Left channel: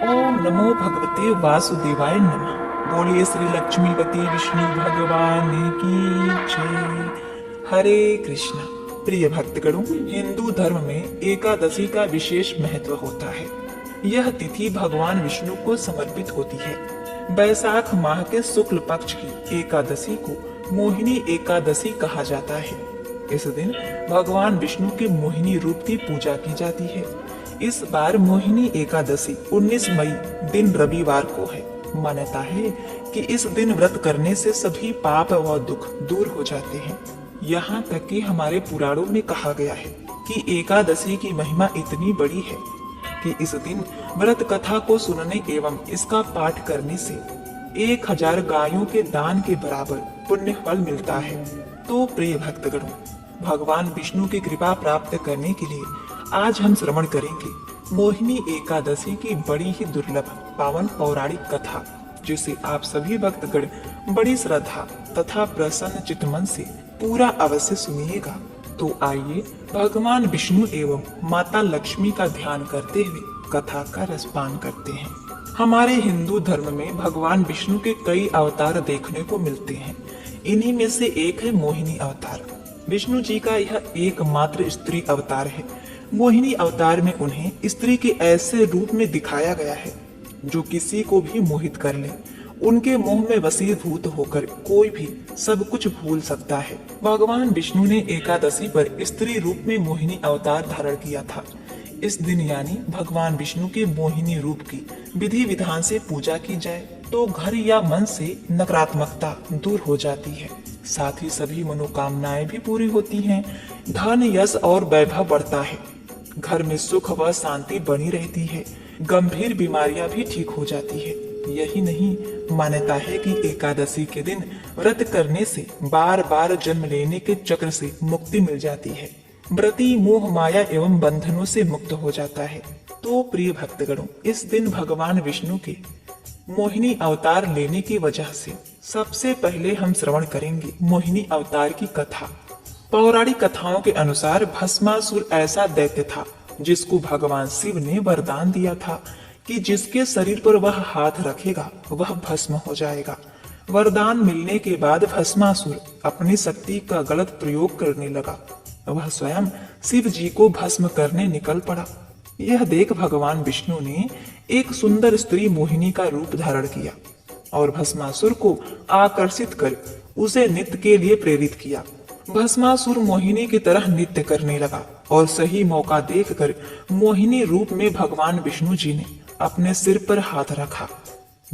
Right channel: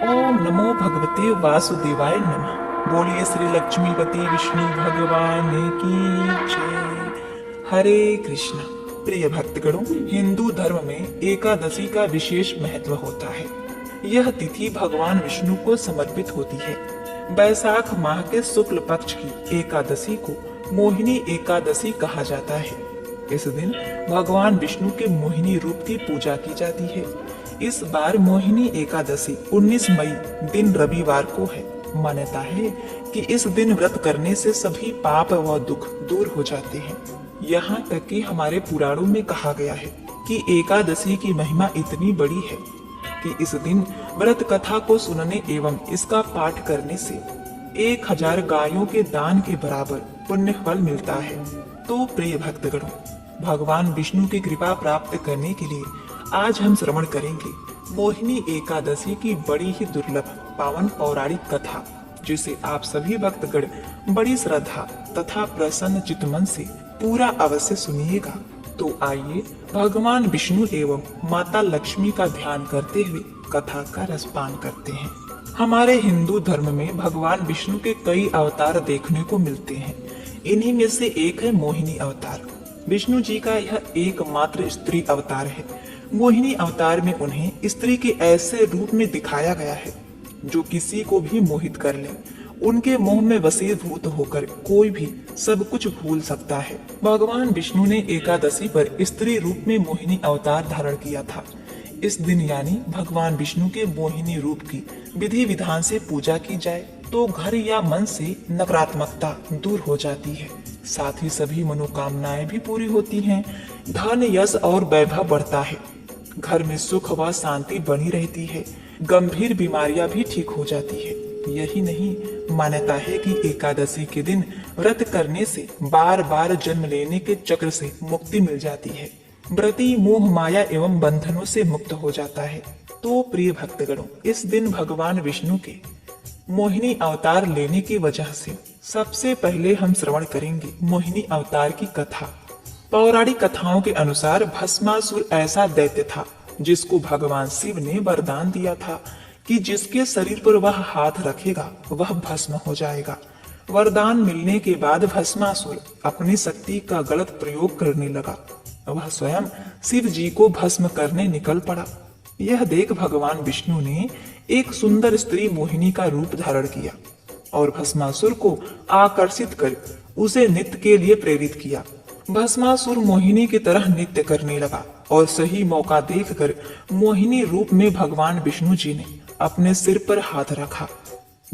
ओम नमो भगवते वासुदेवाय नमः। बोलिए श्री लक्ष्मीपति विष्णु भगवान की जय। हरे कृष्ण। प्रिय भक्तगणों, हिंदू धर्म में एकादशी का विशेष महत्व होता है। यह तिथि भगवान विष्णु को समर्पित होती है। बैसाख माह के शुक्ल पक्ष की एकादशी को मोहिनी एकादशी कहा जाता है। इस दिन भगवान विष्णु के मोहिनी रूप की पूजा की जाती है। इस बार मोहिनी एकादशी 19 मई दिन रविवार को है। मान्यता है कि इस दिन व्रत करने से सभी पाप व दुख दूर हो जाते हैं। यहाँ तक कि हमारे पुराणों में कहा गया है कि एकादशी की महिमा इतनी बड़ी है कि इस दिन व्रत कथा को सुनने एवं इसका पाठ करने से 1000 गायों के दान के बराबर पुण्य फल मिलता है। तो प्रिय भक्तगणों, भगवान विष्णु की कृपा प्राप्त करने के लिए आज हम श्रवण करेंगे मोहिनी एकादशी की बड़ी ही दुर्लभ पावन पौराणिक कथा, जिसे आप सभी भक्तगण बड़ी श्रद्धा तथा प्रसन्न चित्त मन से पूरा अवश्य सुनिएगा। तो आइए भगवान विष्णु एवं माता लक्ष्मी का ध्यान करते हुए कथा का रसपान करते हैं। हमारे हिंदू धर्म में भगवान विष्णु के कई अवतार देखने को मिलते हैं। इन्हीं में से एक है मोहिनी अवतार। विष्णु जी का यह एकमात्र स्त्री अवतार है। मोहिनी अवतार में उन्हें स्त्री के ऐसे रूप में दिखाया गया है जो किसी को भी मोहित कर ले। उनके मोह में वशीभूत होकर कोई भी सब कुछ भूल सकता है। भगवान विष्णु ने एकादशी पर स्त्री रूप में मोहिनी अवतार धारण किया था। इस दिन यानी भगवान विष्णु के मोहिनी रूप की विधि विधान से पूजा की जाए तो घर या मन से नकारात्मकता दूर हो जाती है। साथ ही सभी मनोकामनाएं भी पूरी होती हैं। धन यश और वैभव बढ़ता है। घर में सुख व शांति बनी रहती है। गंभीर बीमारियां भी ठीक हो जाती है। यही नहीं, मान्यता है कि एकादशी के दिन व्रत करने से बार बार जन्म लेने के चक्र से मुक्ति मिल जाती है। व्रती मोह माया एवं बंधनों से मुक्त हो जाता है। तो प्रिय भक्तगणों, इस दिन भगवान विष्णु के मोहिनी अवतार लेने की वजह से सबसे पहले हम श्रवण करेंगे मोहिनी अवतार की कथा। पौराणिक कथाओं के अनुसार भस्मासुर ऐसा दैत्य था जिसको भगवान शिव ने वरदान दिया था कि जिसके शरीर पर वह हाथ रखेगा वह भस्म हो जाएगा। वरदान मिलने के बाद भस्मासुर अपनी शक्ति का गलत प्रयोग करने लगा। वह स्वयं शिव जी को भस्म करने निकल पड़ा। यह देख भगवान विष्णु ने एक सुंदर स्त्री मोहिनी का रूप धारण किया और भस्मासुर को आकर्षित कर उसे नृत्य के लिए प्रेरित किया। भस्मासुर मोहिनी की तरह नृत्य करने लगा और सही मौका देखकर मोहिनी रूप में भगवान विष्णु जी ने अपने सिर पर हाथ रखा,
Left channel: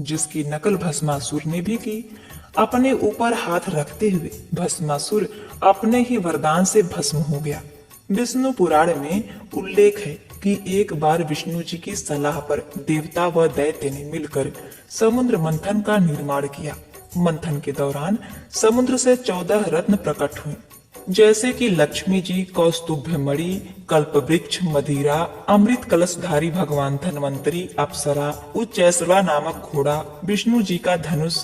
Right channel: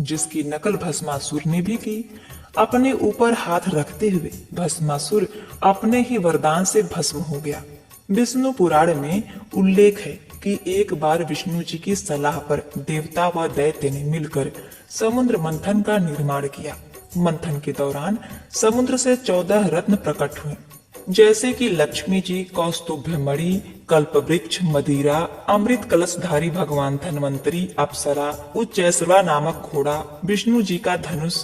जिसकी नकल भस्मासुर ने भी की। अपने ऊपर हाथ रखते हुए भस्मासुर अपने ही वरदान से भस्म हो गया। विष्णु पुराण में उल्लेख है कि एक बार विष्णु जी की सलाह पर देवता व दैत्य ने मिलकर समुद्र मंथन का निर्माण किया। मंथन के दौरान समुद्र से 14 रत्न प्रकट हुए, जैसे कि लक्ष्मी जी, कौस्तुभ मणि, कल्प वृक्ष, मदिरा, अमृत कलशधारी भगवान धन्वंतरी, अप्सरा, उच्चैसला नामक घोड़ा, विष्णु जी का धनुष,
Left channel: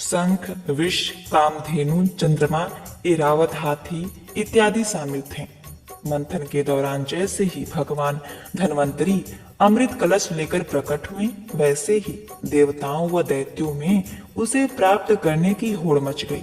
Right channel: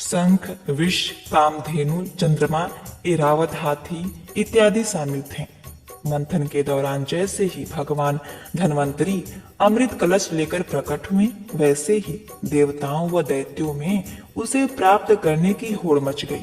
शंख, विष, कामधेनु, चंद्रमा, ऐरावत हाथी इत्यादि शामिल थे। मंथन के दौरान जैसे ही भगवान धन्वंतरी अमृत कलश लेकर प्रकट हुए, वैसे ही देवताओं व दैत्यों में उसे प्राप्त करने की होड़ मच गई।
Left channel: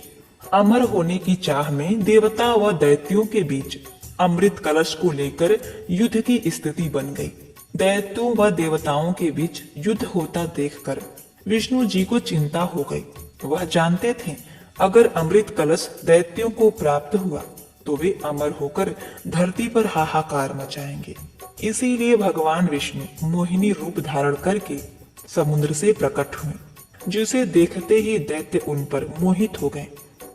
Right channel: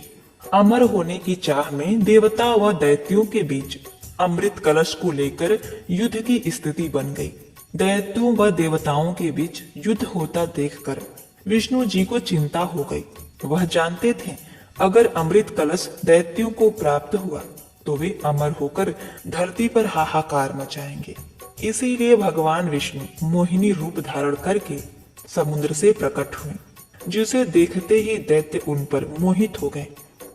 अमर होने की चाह में देवता व दैत्यों के बीच अमृत कलश को लेकर युद्ध की स्थिति बन गई। दैत्यों व देवताओं के बीच युद्ध होता देखकर विष्णु जी को चिंता हो गई। वह जानते थे अगर अमृत कलश दैत्यों को प्राप्त हुआ तो वे अमर होकर धरती पर हाहाकार मचाएंगे। इसीलिए भगवान विष्णु मोहिनी रूप धारण करके समुद्र से प्रकट हुए, जिसे देखते ही दैत्य उन पर मोहित हो गए।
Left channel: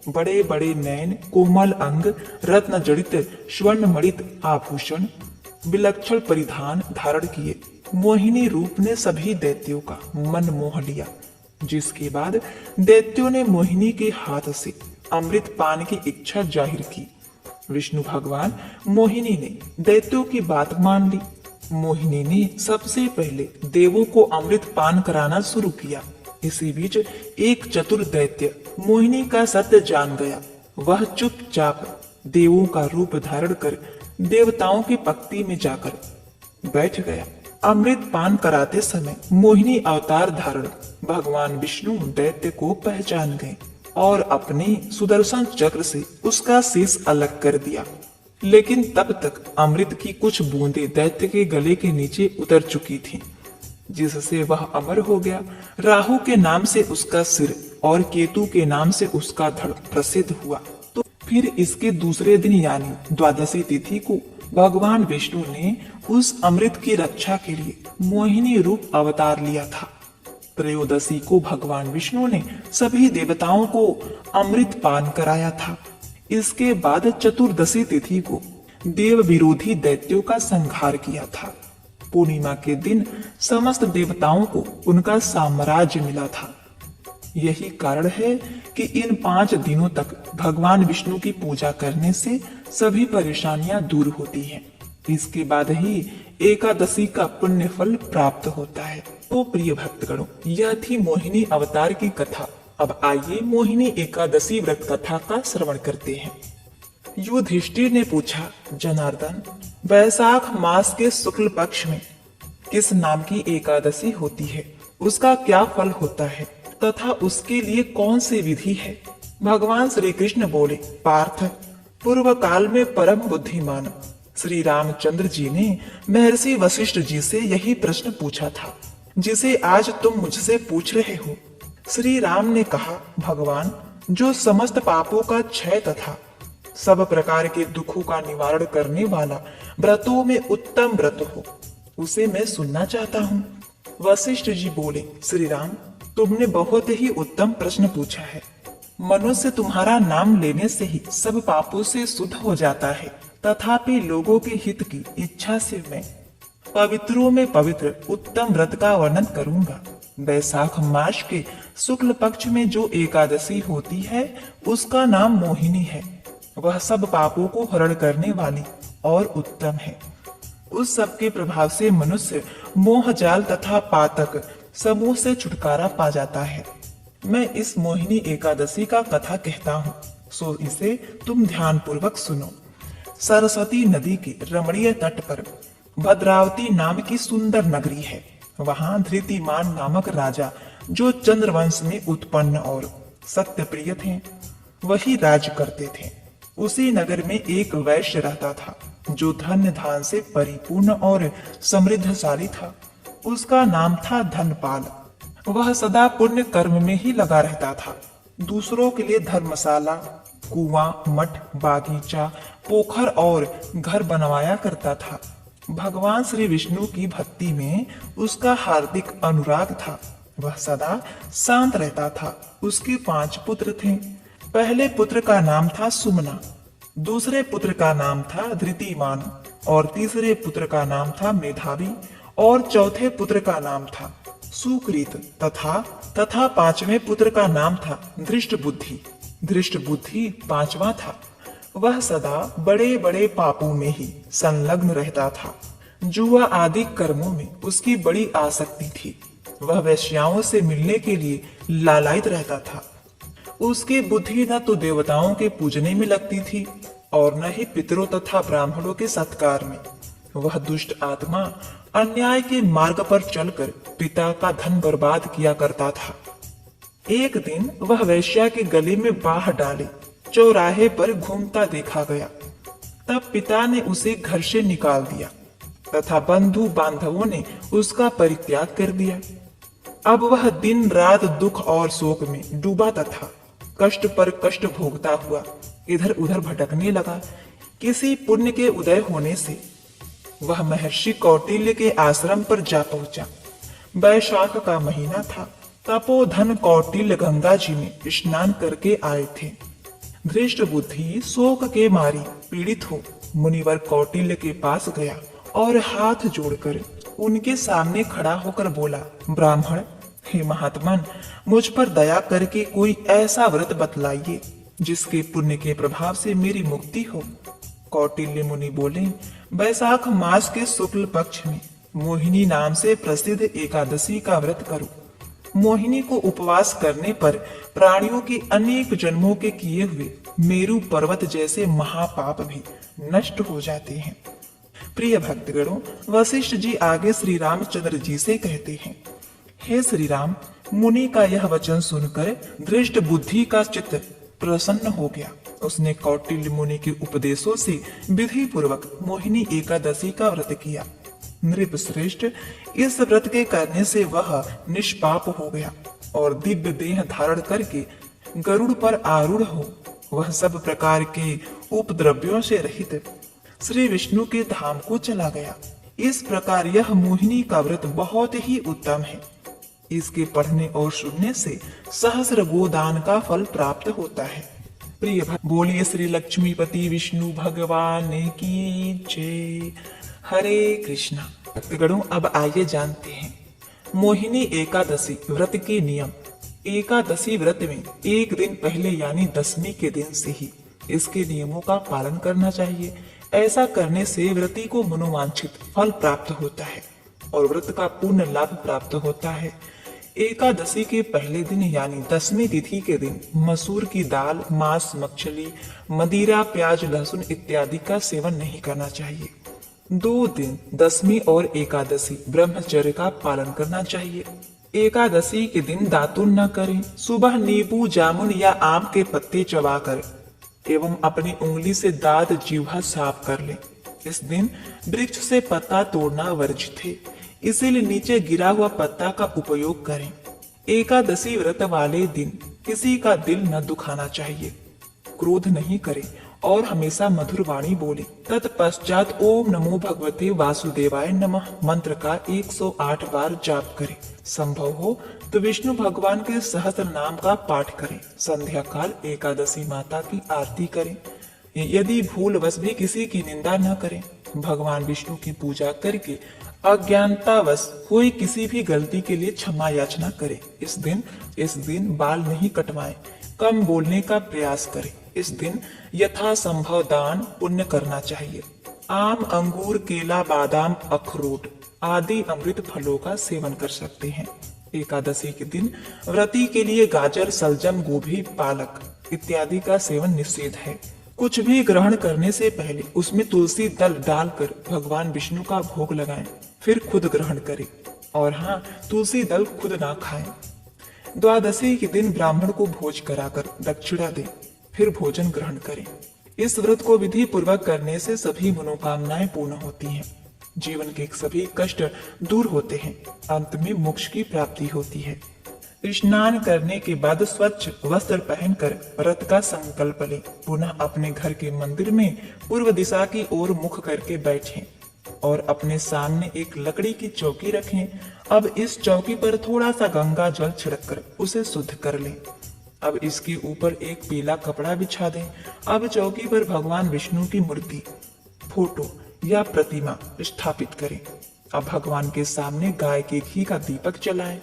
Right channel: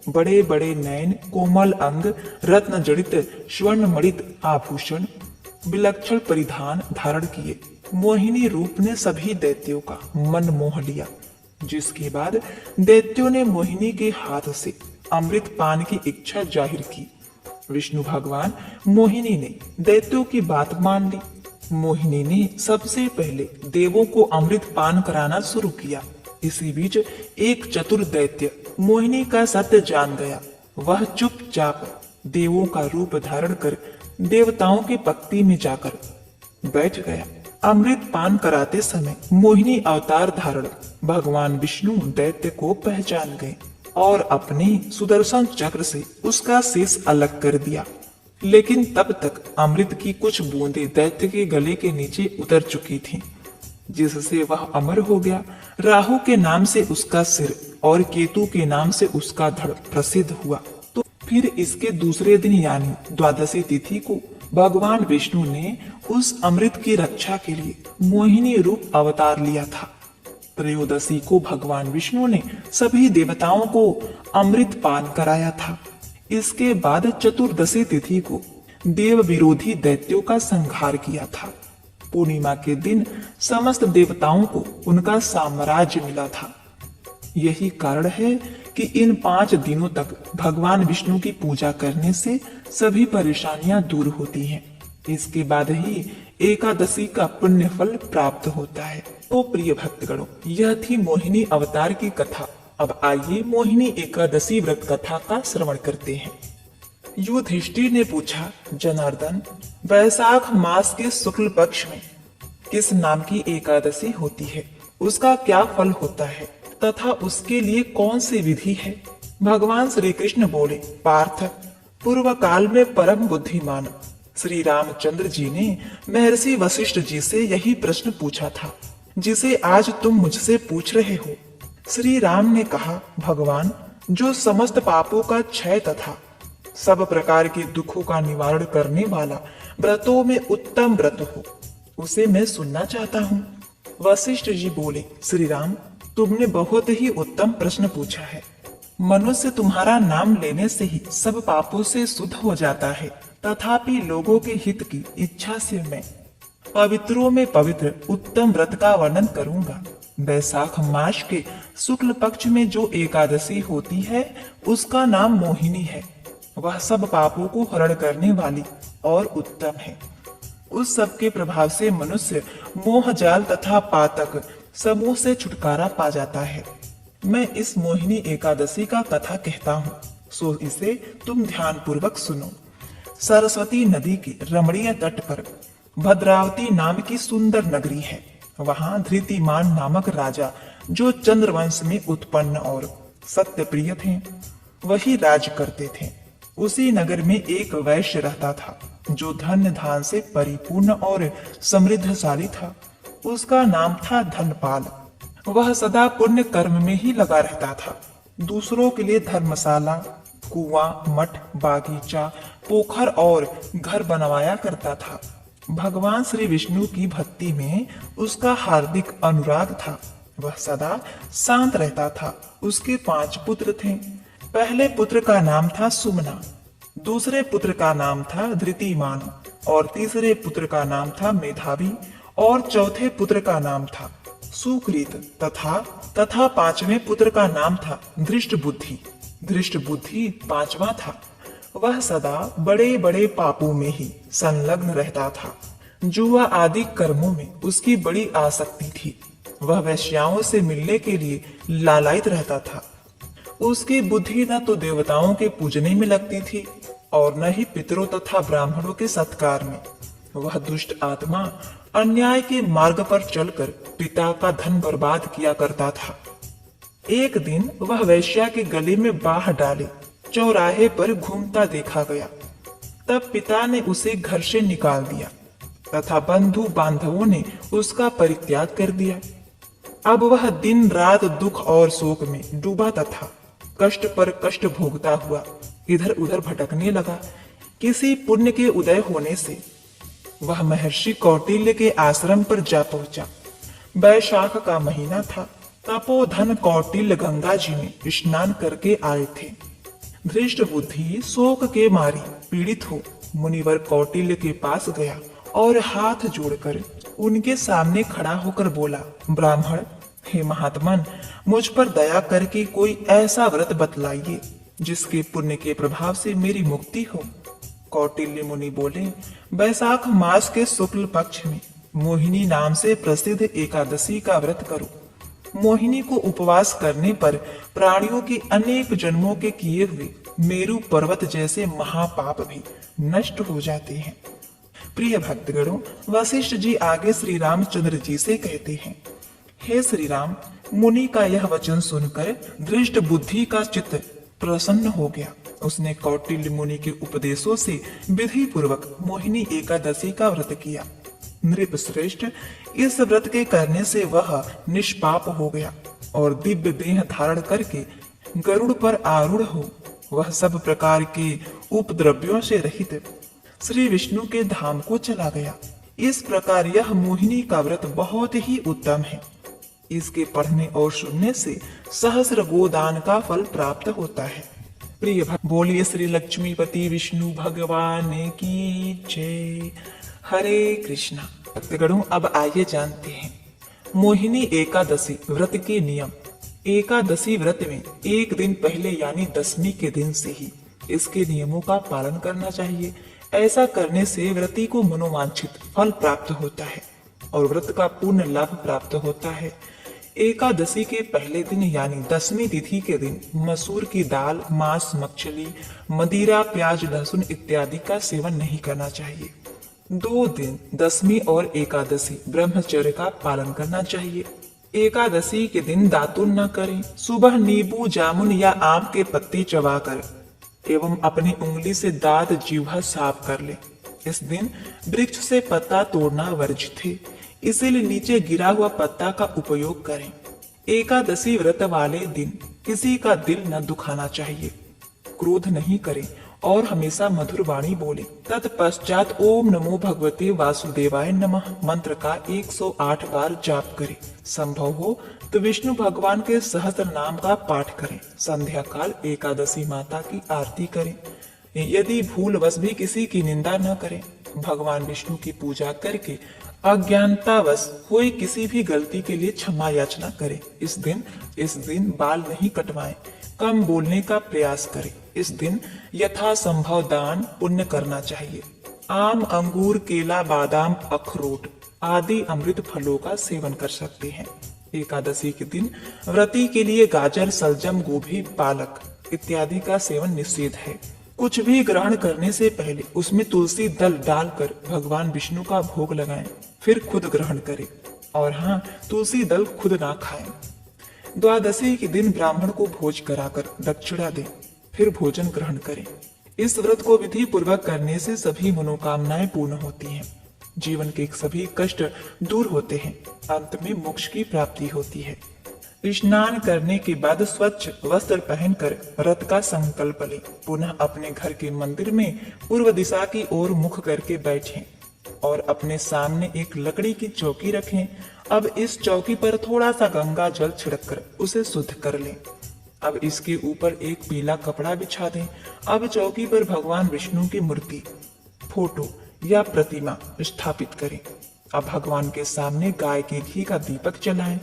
बड़े बड़े नयन, कोमल अंग, रत्न जड़ित स्वर्ण मणित आभूषण, विलक्षण परिधान धारण किए मोहिनी रूप ने सभी दैत्यों का मन मोह लिया। जिसके बाद दैत्यों ने मोहिनी के हाथ से अमृत पान की इच्छा जाहिर की। विष्णु भगवान मोहिनी ने दैत्यों की बात मान ली। मोहिनी ने सबसे पहले देवों को अमृत पान कराना शुरू किया। इसी बीच एक चतुर दैत्य मोहिनी का सत्य जान गया। वह चुपचाप देवों का रूप धारण कर देवताओं की पंक्ति में जाकर बैठ गया। अमृत पान कराते समय मोहिनी अवतार धारण भगवान विष्णु दैत्य को पहचान गए और अपने सुदर्शन चक्र से उसका शीश अलग कर दिया। लेकिन तब तक अमृत की कुछ बूंदें दैत्य के गले के नीचे उतर चुकी थीं, जिससे वह अमर हो गया। राहु के नाम से उसका सिर और केतु के नाम से उसका धड़ प्रसिद्ध हुआ। तो फिर इसके दूसरे दिन यानी द्वादशी तिथि को भगवान विष्णु ने उस अमृत की रक्षा के लिए मोहिनी रूप अवतार लिया था। त्रयोदशी को भगवान विष्णु ने सभी देवताओं को अमृत पान कराया था। इसके बाद चतुर्दशी तिथि को देव विरोधी दैत्यों का संहार किया था। पूर्णिमा के दिन समस्त देवताओं को उनका साम्राज्य मिला था। यही कारण है कि इन 5 दिनों तक भगवान विष्णु की पूजा करने से सभी परेशानियां दूर होती हैं। इसके बाद ही एकादशी का पुण्य फल प्राप्त होता है। तो प्रिय भक्तगणों, यह थी मोहिनी अवतार की कथा। अब आइए मोहिनी एकादशी व्रत कथा का श्रवण करते हैं। युधिष्ठिर ने पूछा, जनार्दन, वैशाख मास के शुक्ल पक्ष में किस नाम की एकादशी होती है? उसका क्या फल होता है तथा उसके लिए कौन सी विधि है? भगवान श्री कृष्ण बोले, पार्थ, पूर्व काल में परम बुद्धिमान श्री रामचंद्र जी ने महर्षि वशिष्ठ जी से यही प्रश्न पूछा था, जिसे आज तुम मुझसे पूछ रहे हो। श्री राम ने कहा, भगवान, जो समस्त पापों का क्षय तथा सब प्रकार के दुखों का निवारण करने वाला व्रतों में उत्तम व्रत हो, उसे मैं सुनना चाहता हूँ। वशिष्ठ जी बोले, श्री राम, तुमने बहुत ही उत्तम प्रश्न पूछा है। मनुष्य तुम्हारा नाम लेने से ही सब पापों से शुद्ध हो जाता है, तथापि लोगों के हित की इच्छा से मैं पवित्रों में पवित्र उत्तम व्रत का वर्णन करूंगा। वैशाख मास के शुक्ल पक्ष में जो एकादशी होती है उसका नाम मोहिनी है। वह सब पापों को हरण करने वाली और उत्तम है। उस सब के प्रभाव से मनुष्य मोह जाल तथा पातक सबों से छुटकारा पा जाता है। मैं इस मोहिनी एकादशी का कथा कहता हूँ, सो इसे तुम ध्यान पूर्वक सुनो। सरस्वती नदी के रमणीय तट पर भद्रावती नाम की सुंदर नगरी है। वहाँ धृतिमान नामक राजा, जो चंद्रवंश में उत्पन्न और सत्य प्रिय थे, वही राज करते थे। उसी नगर में एक वैश्य रहता था, जो धन धान से परिपूर्ण और समृद्धशाली था। उसका नाम था धनपाल। वह सदा पुण्य कर्म में ही लगा रहता था। दूसरों के लिए धर्मशाला, कुआं, मठ, बागीचा, पोखर और घर बनवाया करता था। भगवान श्री विष्णु की भक्ति में उसका हार्दिक अनुराग था। वह सदा शांत रहता था। उसके 5 पुत्र थे। पहले पुत्र का नाम था सुमना, दूसरे पुत्र का नाम था धृतिमान, और तीसरे पुत्र का नाम था मेधावी, और चौथे पुत्र का नाम था सुकृत, तथा 5वें पुत्र का नाम था धृष्ट बुद्धि। धृष्ट बुद्धि 5वां था। वह सदा बड़े बड़े पापों में ही संलग्न रहता था। जुआ आदि कर्मों में उसकी बड़ी आसक्ति थी। वह वेश्याओं से मिलने के लिए लालायित रहता था। उसकी बुद्धि न तो देवताओं के पूजने में लगती थी और न ही पितरों तथा ब्राह्मणों के सत्कार में। वह दुष्ट आत्मा अन्याय के मार्ग पर चलकर पिता का धन बर्बाद किया करता था। एक दिन वह वेश्या के गले में बाह डाले चौराहे पर घूमता देखा गया। तब पिता ने उसे घर से निकाल दिया तथा बंधु बांधवों ने उसका परित्याग कर दिया। अब वह दिन रात दुख और शोक में डूबा तथा कष्ट पर कष्ट भोगता हुआ इधर उधर भटकने लगा। किसी पुण्य के उदय होने से वह महर्षि कौटिल्य के आश्रम पर जा पहुंचा। वैशाख का महीना था। तपोधन कौटिल्य गंगा जी में स्नान करके आए थे। धृष्ट बुद्धि शोक के मारी पीड़ित हो मुनिवर कौटिल्य के पास गया और हाथ जोड़कर उनके सामने खड़ा होकर बोला, ब्राह्मण, हे महात्मन, मुझ पर दया करके कोई ऐसा व्रत बतलाइए जिसके पुण्य के प्रभाव से मेरी मुक्ति हो। कौटिल्य मुनि बोले, वैशाख मास के शुक्ल पक्ष में मोहिनी नाम से प्रसिद्ध एकादशी का व्रत करो। मोहिनी को उपवास करने पर प्राणियों के अनेक जन्मों के किए हुए मेरु पर्वत जैसे महापाप भी नष्ट हो जाते हैं। प्रिय भक्तगणों, वशिष्ठ जी आगे श्री रामचंद्र जी से कहते हैं, हे श्री राम, मुनि का यह वचन सुनकर धृष्ट बुद्धि का चित्त प्रसन्न हो गया। उसने कौटिल्य मुनि के उपदेशों से विधि पूर्वक मोहिनी एकादशी का व्रत किया। नृप श्रेष्ठ, इस व्रत के करने से वह निष्पाप हो गया और दिव्य देह धारण करके गरुड़ पर आरूढ़ हो वह सब प्रकार के उपद्रव्यों से रहित श्री विष्णु के धाम को चला गया। इस प्रकार यह मोहिनी का व्रत बहुत ही उत्तम है। इसके पढ़ने और सुनने से सहस्र गोदान का फल प्राप्त होता है। प्रिय भक्त, बोलिए श्री लक्ष्मीपति विष्णु भगवान की जय। हरे कृष्णा। भक्तगणों, अब आइए जानते हैं मोहिनी एकादशी व्रत के नियम। एकादशी व्रत में एक दिन पहले यानी दशमी के दिन से ही इसके नियमों का पालन करना चाहिए। ऐसा करने से व्रती को मनोवांछित फल प्राप्त होता है और व्रत का पूर्ण लाभ प्राप्त होता है। एकादशी के पहले दिन यानी दशमी तिथि के दिन मसूर की दाल, मांस, मछली, मदिरा, प्याज, लहसुन इत्यादि का सेवन नहीं करना चाहिए। 2 दिन दशमी और एकादशी ब्रह्मचर्य का पालन करना चाहिए। एकादशी के दिन दातुन न करें। सुबह नींबू, जामुन या आम के पत्ते चबाकर एवं अपनी उंगली से दांत जीवा साफ कर ले। इस दिन वृक्ष से पत्ता तोड़ना वर्जित है, इसीलिए नीचे गिरा हुआ पत्ता का उपयोग करें। एकादशी व्रत वाले दिन किसी का दिल न दुखाना चाहिए, क्रोध नहीं करें और हमेशा मधुर वाणी बोले। तत्पश्चात ओम नमो भगवते वासुदेवाय नमः मंत्र का 108 बार जाप करें। संभव हो तो विष्णु भगवान के सहस्त्र नाम का पाठ करें। संध्या काल एकादशी माता की आरती करें। यदि भूलवश भी किसी की निंदा न करें। भगवान विष्णु की पूजा करके अज्ञानतावश कोई किसी भी गलती के लिए क्षमा याचना करे। इस दिन बाल नहीं कटवाएं, कम बोलने का प्रयास करें। इस दिन यथासंभव दान पुण्य करना चाहिए। आम, अंगूर, केला, बादाम, अखरोट आदि अमृत फलों का सेवन कर सकते हैं। एकादशी के दिन व्रती के लिए गाजर, सलजम, गोभी, पालक इत्यादि का सेवन निषेध है। कुछ भी ग्रहण करने से पहले उसमें तुलसी दल डालकर भगवान विष्णु का भोग लगाएं, फिर खुद ग्रहण करें। और हाँ, तुलसी दल खुद ना खाएं। द्वादशी के दिन ब्राह्मण को भोज कराकर दक्षिणा दें, फिर भोजन ग्रहण करें। इस व्रत को विधि पूर्वक करने से सभी मनोकामनाएं पूर्ण होती हैं, जीवन के सभी कष्ट दूर होते हैं, अंत में मोक्ष की प्राप्ति होती है। स्नान करने के बाद स्वच्छ वस्त्र पहनकर व्रत का संकल्प लें। पुनः अपने घर के मंदिर में पूर्व दिशा की ओर मुख करके बैठें और अपने सामने एक लकड़ी की चौकी रखें। अब इस चौकी पर थोड़ा सा गंगा जल छिड़ककर उसे शुद्ध कर लें। अब इसके ऊपर एक पीला कपड़ा बिछा दें। अब चौकी पर भगवान विष्णु की मूर्ति, फोटो या प्रतिमा स्थापित करें। अब भगवान के सामने गाय के घी का दीपक जलाएं।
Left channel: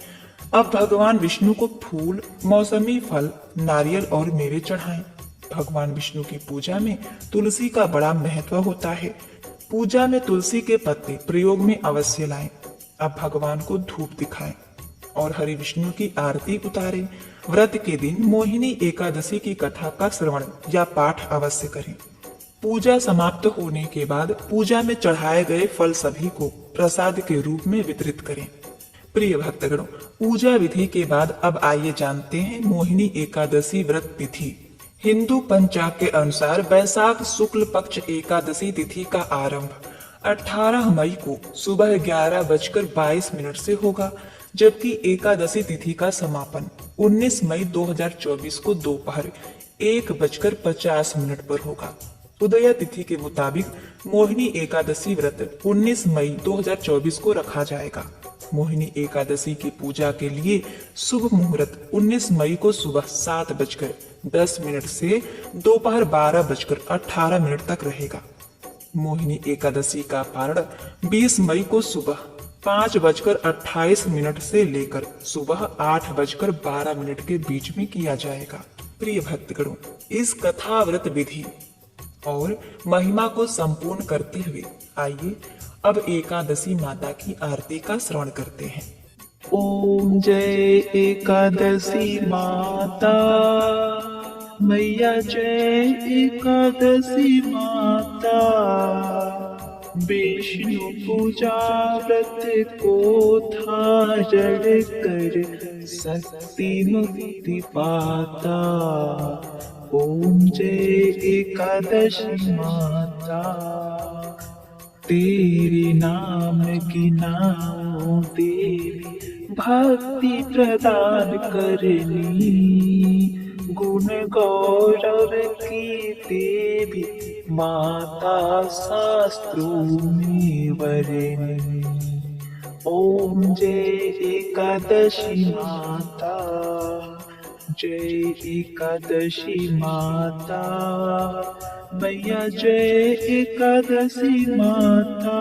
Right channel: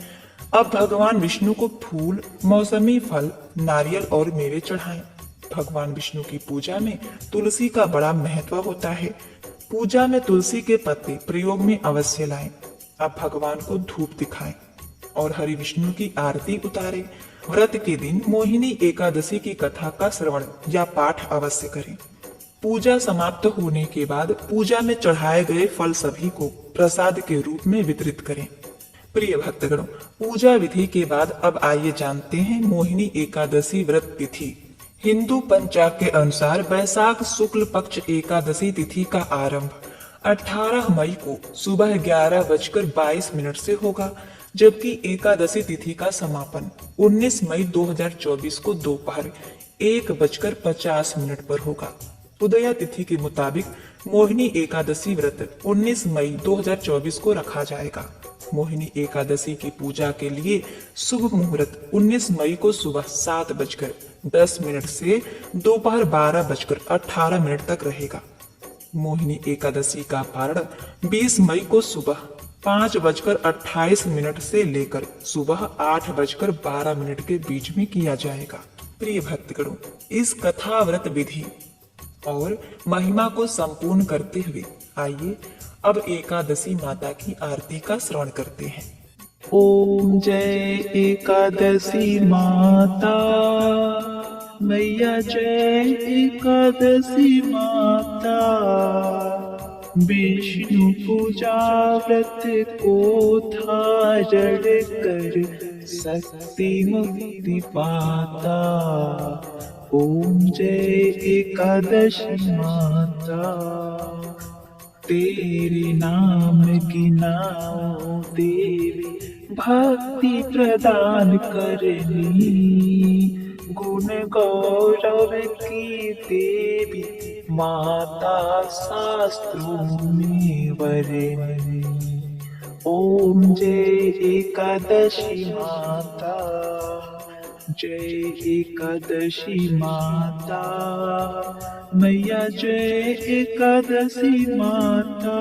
अब भगवान विष्णु को फूल, मौसमी फल, नारियल और मेवे चढ़ाएं। भगवान विष्णु की पूजा में तुलसी का बड़ा महत्व होता है। पूजा में तुलसी के पत्ते प्रयोग में अवश्य लाएं। अब भगवान को धूप दिखाएं और हरि विष्णु की आरती उतारें। व्रत के दिन मोहिनी एकादशी की कथा का श्रवण या पाठ अवश्य करें। पूजा समाप्त होने के बाद पूजा में चढ़ाए गए फल सभी को प्रसाद के रूप में वितरित करें। प्रिय भक्तगणों, पूजा विधि के बाद अब आइए जानते हैं मोहिनी एकादशी व्रत तिथि। हिंदू पंचांग के अनुसार वैशाख शुक्ल पक्ष एकादशी तिथि का आरंभ 18 मई को सुबह 11:22 से होगा, जबकि एकादशी तिथि का समापन 19 मई 2024 को दोपहर 1:50 पर होगा। उदया तिथि के मुताबिक मोहिनी एकादशी व्रत 19 मई 2024 को रखा जाएगा। मोहिनी एकादशी की पूजा के लिए शुभ मुहूर्त 19 मई को सुबह 7:10 से दोपहर 12:18 तक रहेगा। मोहिनी एकादशी का पारण 20 मई को सुबह 5:28 से लेकर सुबह 8:12 के बीच में किया जाएगा। प्रिय भक्तगणों, इस कथा व्रत विधि और महिमा को संपूर्ण करते हुए आइए अब एकादशी माता की आरती का श्रवण करते हैं। ओम जय एकादशी माता मैया, जय एकादशी माता विष्णु पूजा व्रत को धारण कर शक्ति मुक्ति पाता। ओम जय एकादशी माता। तेरे नाम की नाम तेरी भक्ति प्रदान करनी। गुण गौरव की देवी माता शास्त्रों में वर्णिनी। ओम जय एकादशी माता। जय एकादशी माता। मैया जय एकादशी माता।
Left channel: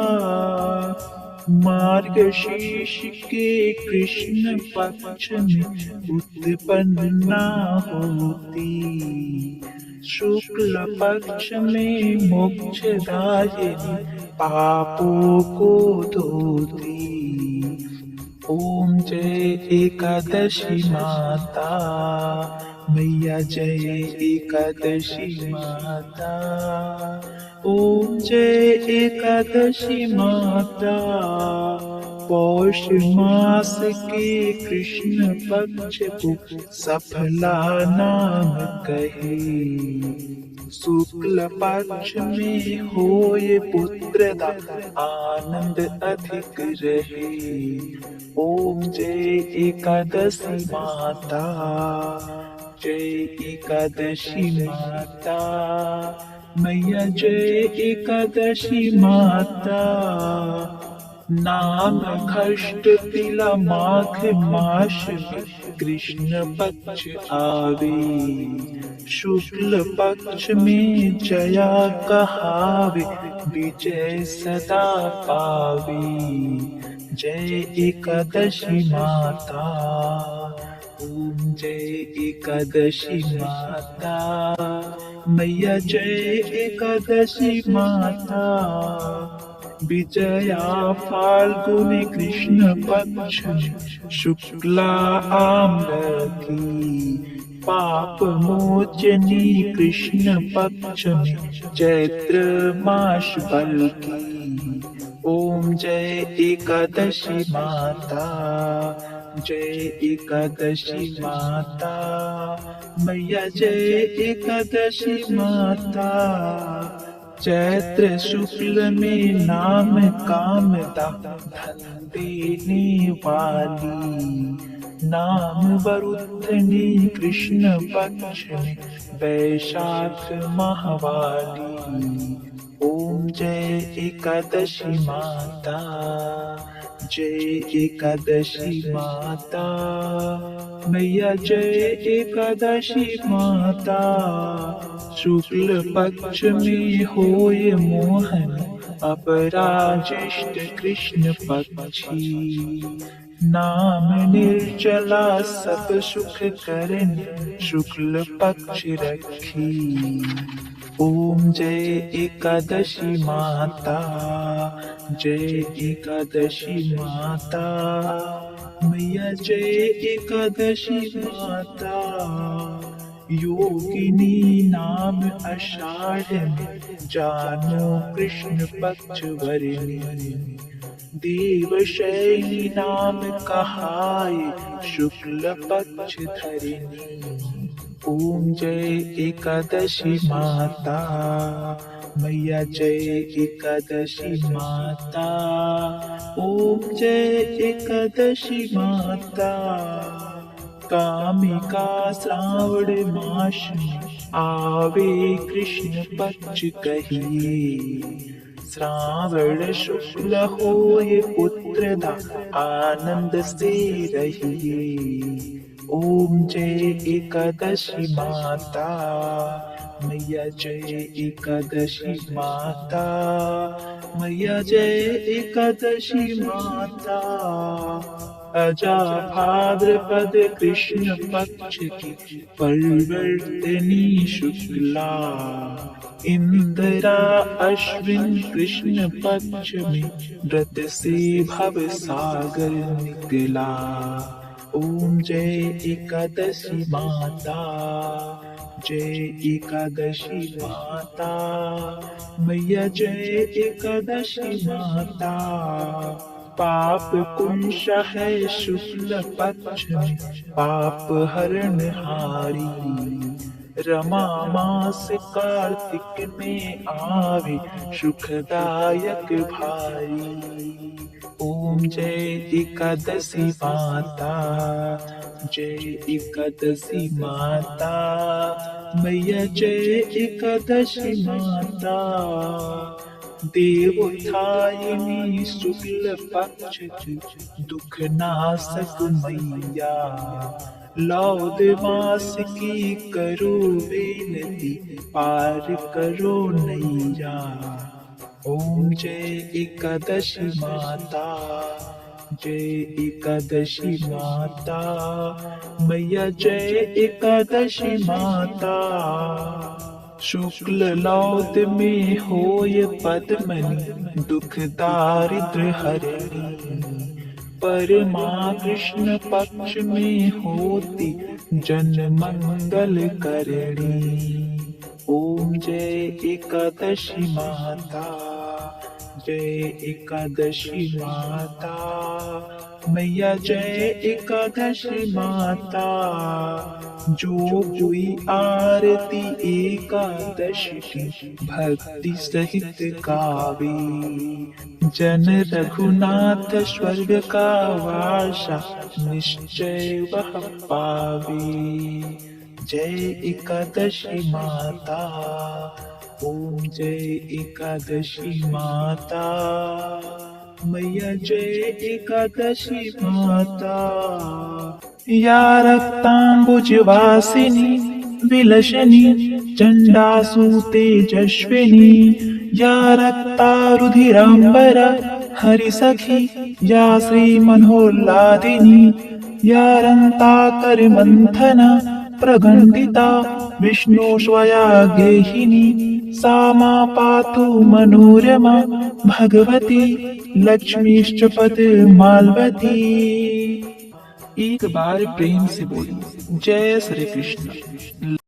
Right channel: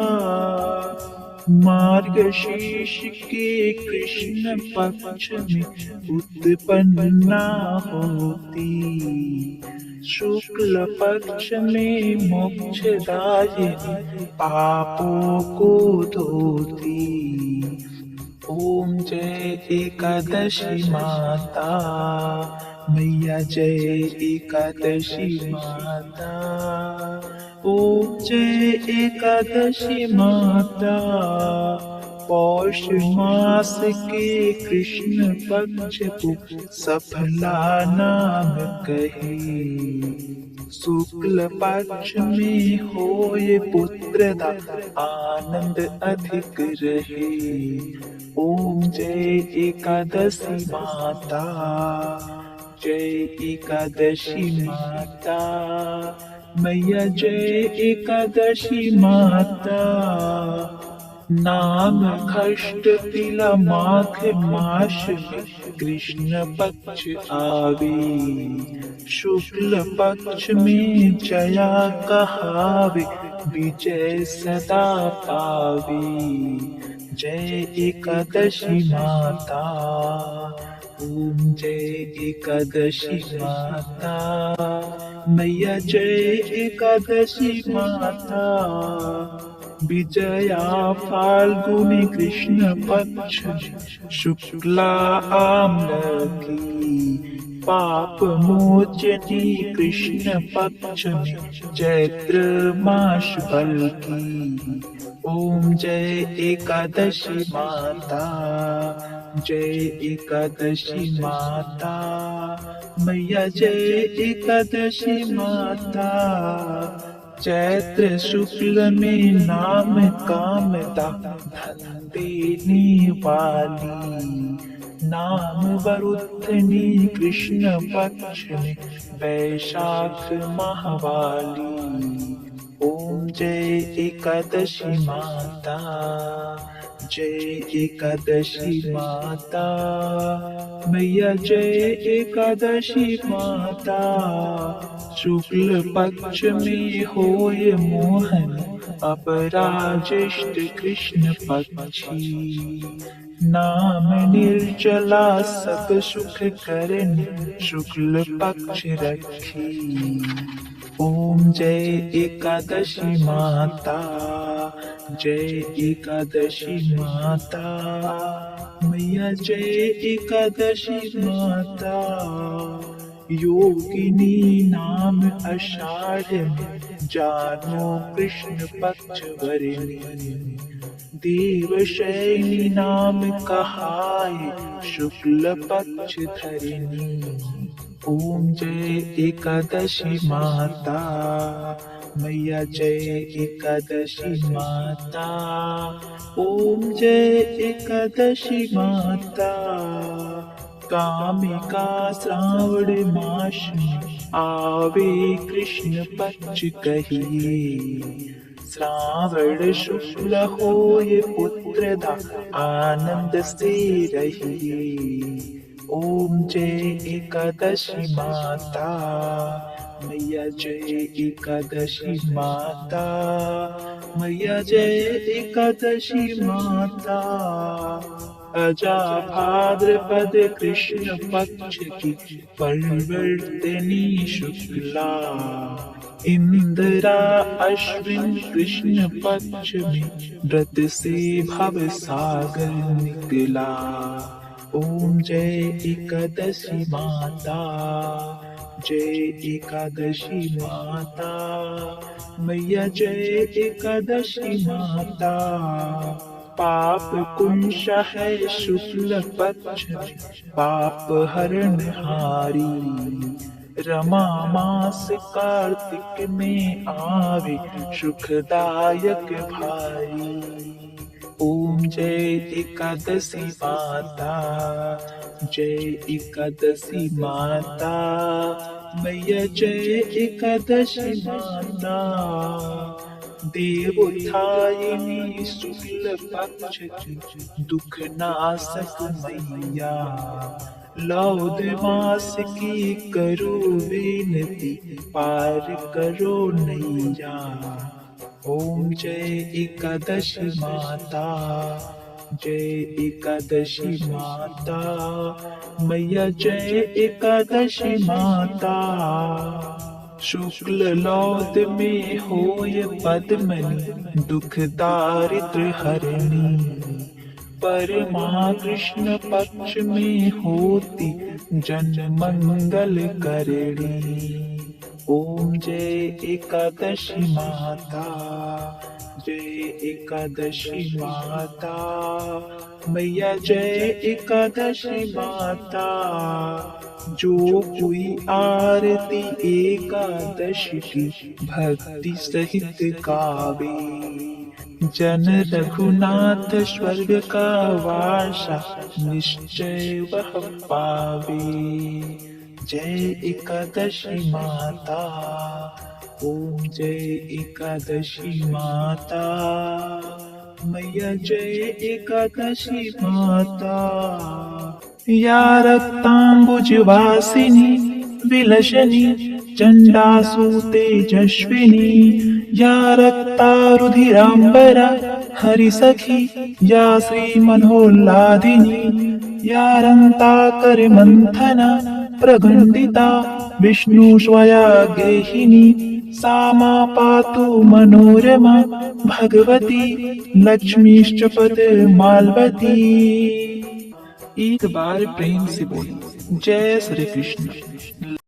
मार्गशीर्ष के कृष्ण पक्ष में उत्पन्ना होती। शुक्ल पक्ष में मोक्षदायिनी पापों को धोती। ओम जय एकादशी माता। मैया जय एकादशी माता। ओम जय एकादशी माता। पौष मास के कृष्ण पक्ष को सफला नाम कहे। शुक्ल पक्ष में होए पुत्रदा आनंद अधिक रहे। ओम जय एकादशी माता। जय एकादशी माता। मैया जय एकादशी माता। नाम खष्ट तिला माघ मास में कृष्ण पक्ष आवे। शुक्ल पक्ष में जया कहावे विजय सदा पावे। जय एकादशी माता। ओम जय एकादशी माता। मैया जय एकादशी माता। विजया फाल्गुनी कृष्ण पक्ष शुक्ला आम्रकी। पाप मोचनी कृष्ण पक्ष में चैत्र मास बल्कि। ओम जय एकादशी माता। जय एकादशी माता। मैया जय एकादशी माता। चैत्र शुक्ल में नाम कामदा धन देने वाली। नाम वरुद्धनी कृष्ण पक्ष में वैशाख माहवाली। ओम जय एकादशी माता। जय एकादशी माता। मैया जय एकादशी माता। शुक्ल पक्ष में होय मोहन अपराजिष्ट कृष्ण पक्षी। नाम निर्जला सब सुख करने शुक्ल पक्ष रखी। ओम जय एकादशी माता। जय एकादशी माता। मैया जय एकादशी माता। योगिनी नाम आषाढ़ में जानो कृष्ण पक्ष वरनी। देवशैनी नाम कहाय शुक्ल पक्ष धरिणी। ओम जय एकादशी माता। मैया जय एकादशी माता। ओम जय एकादशी माता। कामिका श्रावण मास में आवे कृष्ण पक्ष कहिए। श्रावण शुक्ल होए पुत्रदा आनंद से रहिए। ओम जय एकादशी माता। मैया जय एकादशी माता। मैया जय एकादशी माता। अजा भाद्रपद कृष्ण पक्ष की परिवर्तनी शुक्ला। इंदिरा अश्विन कृष्ण पक्ष में व्रत से भव सागर निकला। ओम जय एकादशी माता। जय एकादशी माता मैया, जय एकादशी माता। पाप कुंश है शुक्ल पक्ष में, पाप हरण हारी। रमा मास कार्तिक में आवे, सुखदायक भारी। ओम जय एकादशी माता, जय एकादशी माता मैया, जय एकादशी माता। देवोत्थायिनी शुक्ल पक्ष की दुख नाशक मैया, लौद मास की करो विनती, पार करो नैया। ओम जय एकादशी माता, जय एकादशी माता मैया, जय एकादशी माता। शुक्ल लौत में होय पद्मनि, दुख दारिद्र हरणी। परमा कृष्ण पक्ष में होती, जन मंगल करणी। ओम जय एकादशी माता, जय एकादशी माता मैया, जय एकादशी माता। जो कोई आरती एकादशी की भक्ति सहित गावे, जन रघुनाथ स्वर्ग का वासा निश्चय वह पावे। जय एकादशी माता, ओम जय एकादशी माता मैया, जय एकादशी माता। या रक्तांबुजवासिनी विलसनी, चंडासु तेजस्विनी। या रक्तारुधिरांबरा हरिसखी, या श्रीमनोल्लादिनी। या रन्ताकर मंथना प्रघंटिता, विष्णु स्वया गेहिनी। सा मा पातु मनोरमा, भगवती लक्ष्मीश्च पद्मावती। एक बार प्रेम से बोली जय श्री कृष्ण।